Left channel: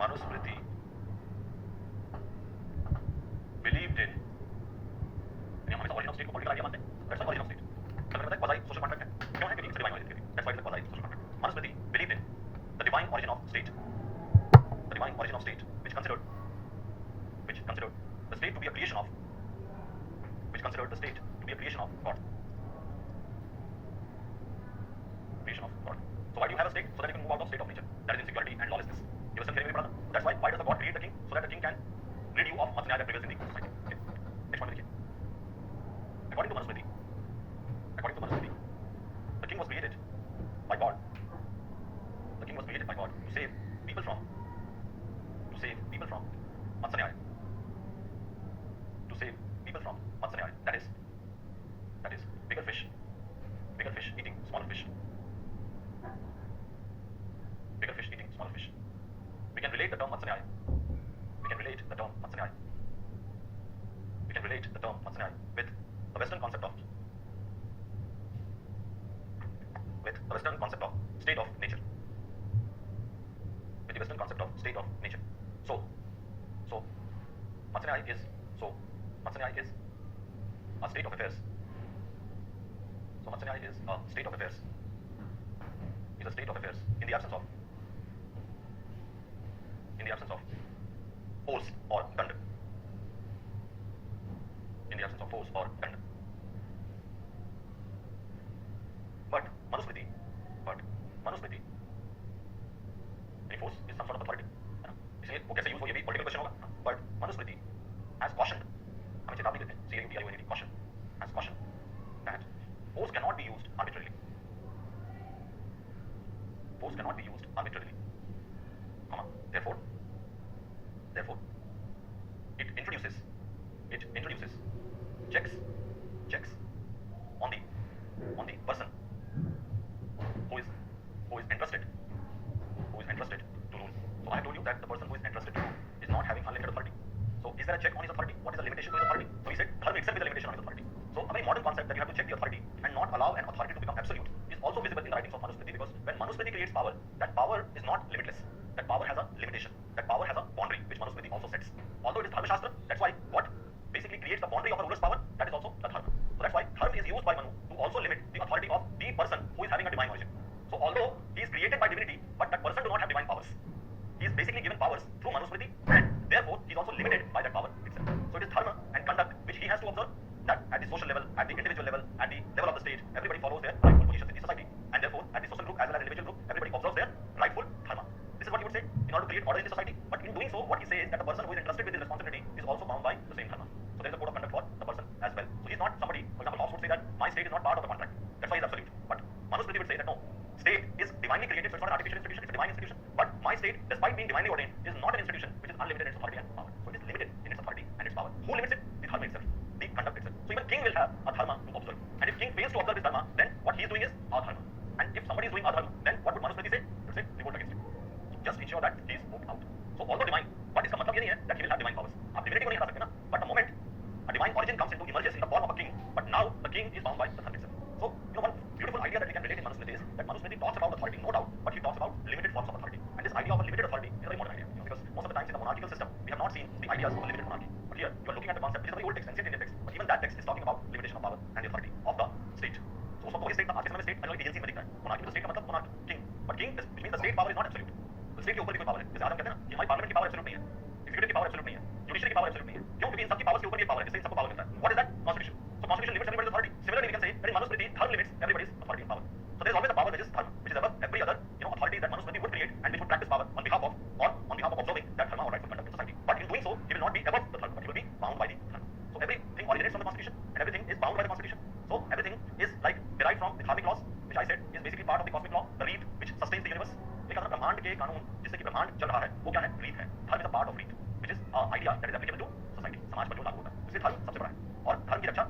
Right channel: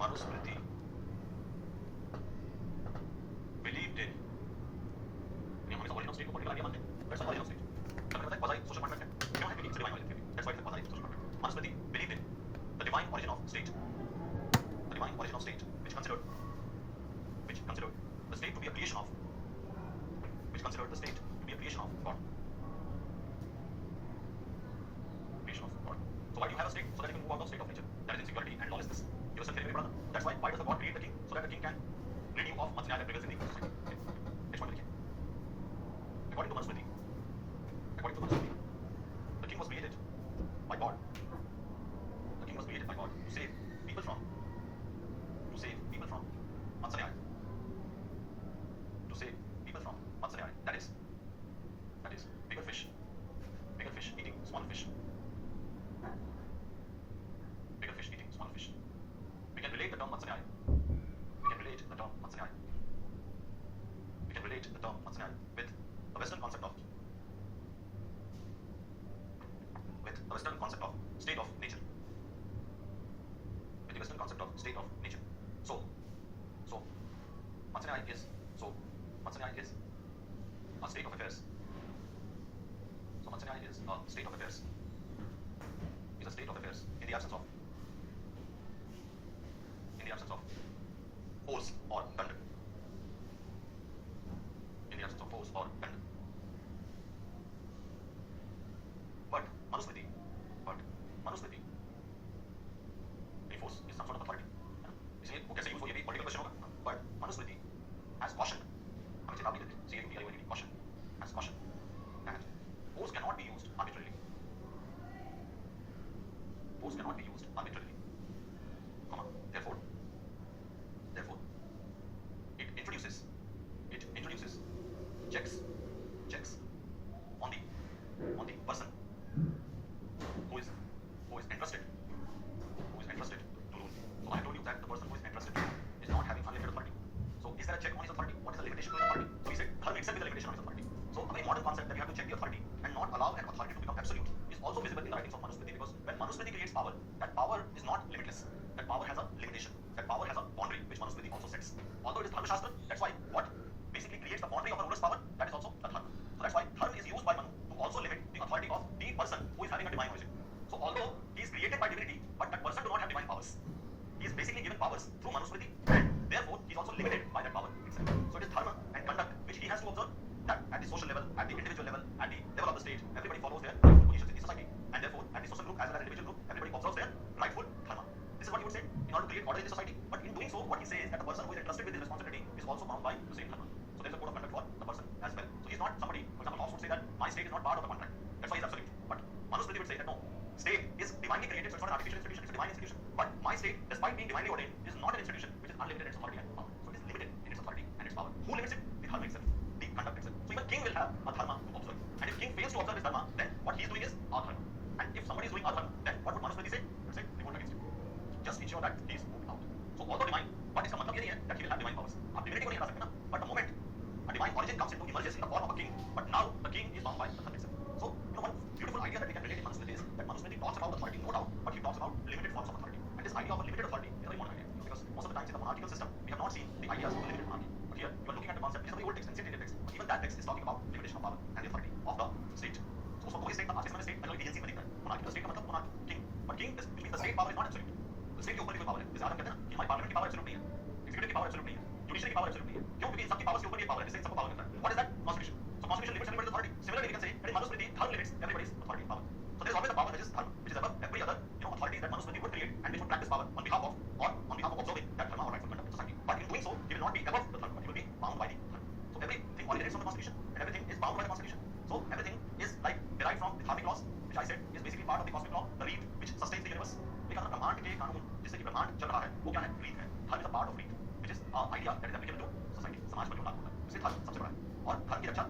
Manusmriti believed in हम हमेशा origin of state को political idea मानते हैं. That's why origin of state. कल मैंने बताया quasi social contract है. क्यों है? क्योंकि it's a divine origin theory. That's why it's a quasi social contract. Manusmriti believed in the divine origin of state. The divine origin of state, which considered the state to be a creation of, God. Creation of God. So why do you have a state? So that you can move out of state of nature. That is insecurity and lawlessness. You listen carefully, brother. That's why does the God create the king? So that the king can rid you of matsanya that prevails in the society. Okay. Next one, according to Manusmriti, the king was created by God. The king was created by God to save people from matsanya. To save people from matsanya. That is bigger fish eating smaller fish. Bigger fish eating smaller fish. We can relate the term matsanya. With the Western concept of state of nature. With the Western concept of state of nature. So matsanya is a state of affairs. So matsanya is a state of affairs. Is a state of affairs in the absence of force or danda. In the absence of force or danda. But Manusmriti, any force is some sort of authority. इसलिए वो कैसे use हो ये भी political question होगा. But Manusmriti has cautioned, हमें चेतावनी देते हैं, caution that force cannot be used arbitrarily. Therefore, it introduces checks on the person who is entrusted to rule. So I have told you that the person who is entrusted to rule is not having unlimited authority. So is there a check on his authority? What is the limitation to his authority? So he said dharma itself is a limitation on his authority. So a very modern concept that you have to check the authority and not allow an authority to become absolute is also visible in the writings of Manusmriti, because when Manusmriti creates power, that power is not limitless. That power has a limitation. That power has a boundary, which Manusmriti also sets. Although it is Dharma Shastra, that's why what basically creates the boundary of a ruler's power, that is also the Dharma. So that's why Dharma is used by Manu to also limit the authority of the person who is having a divine origin. So although he is created by divinity, but that person do not have divine powers. He is basically given powers through Manusmriti, and therefore he is also limited by that power itself. So it is dharma and conduct which he has to observe, that at the social level, at the individual level, at the level of the state, everybody follows their rightful positions in the society, and therefore at the social group as well as individual group, everybody observes their rightful dharma. This is what he would say in order to create order in the society. But in doing so, what he says is that the person who is entrusted with this responsibility is also bound by the same dharma. So there is a code of conduct for the person as well. So he is not somebody, for example, Hobbes would say that my state is not part of the contract. That's why he is absolute. But Manusmriti would say that no, state is divinely created, so it's not an artificial institution, it's a divine institution. But my state, despite being divinely ordained, is not an institution which is unlimited in its authority and power. So it is limited in its authority and its power. Who limits it? The dharma itself, the conduct itself. So even king will have a dharma to observe. And if king fails to observe his dharma, then what he is doing is adharma. And if somebody is doing adharma, then what would Manusmriti say? He would say revolt against him. Just ensure that he is moved out. So although divine, but इसका मतलब ये नहीं है that he will have divine powers. आप divinity को नहीं हटा सकते ना. But the moment a divine origin comes into emerges in the form of a king, but now the king is bound by the dharma itself. So one beautiful idea that we can relate in Manusmriti is that Manusmriti talks about authority, no doubt, but he talks about limited forms of authority. And this idea of a limited authority is a very modern idea, because most of the times in the monarchical system we have not seen the ideas of a limited monarchy. But here you are looking at the concept, which is a very old text, ancient Indian text, but even that text is talking about limitation of power and the authority of the state. So उसको कोई state आज के समय में state अलग agency में दिख रहा है. monarchy तो state का मतलब monarch king, but king which means the state power is not absolute. तो state के ऊपर भी कोई power है. जैसे आज हम कहते हैं ना कि हमारी parliament की power absolute नहीं है, executive की power absolute नहीं है, judiciary की power absolute नहीं है. क्यों? क्योंकि इन सब की powers के ऊपर ये power है, जिससे इन सबको power मिलता है. What is that? Constitution. So constitution limits everybody's authority. Similarly, we can say that in Manusmriti, dharma limits everybody's authority and power. So there is always a power which is dharma, which is above every other authority that Manusmriti would create and which would practice power on behalf of observing that dharma or rightful conduct in society. But in doing so, he will not be above the dharma, but he will be bound by the dharma. So everything originates from the constitution and everything is bound by the constitution. So everything is like derived from the dharmic laws, which I said is basically part of the cosmic law, the reed which sustains the universe. एक अगर ब्रह्मांड के कानून जिससे कि ब्रह्मांड चल रहा है वो क्या है? रीत है. धर्म इज अ पार्ट ऑफ रीत, which is an idea that is applicable to society. समाज पर जो लागू होता है, इसलिए धर्म सबसे बड़ा है. और धर्म की रक्षा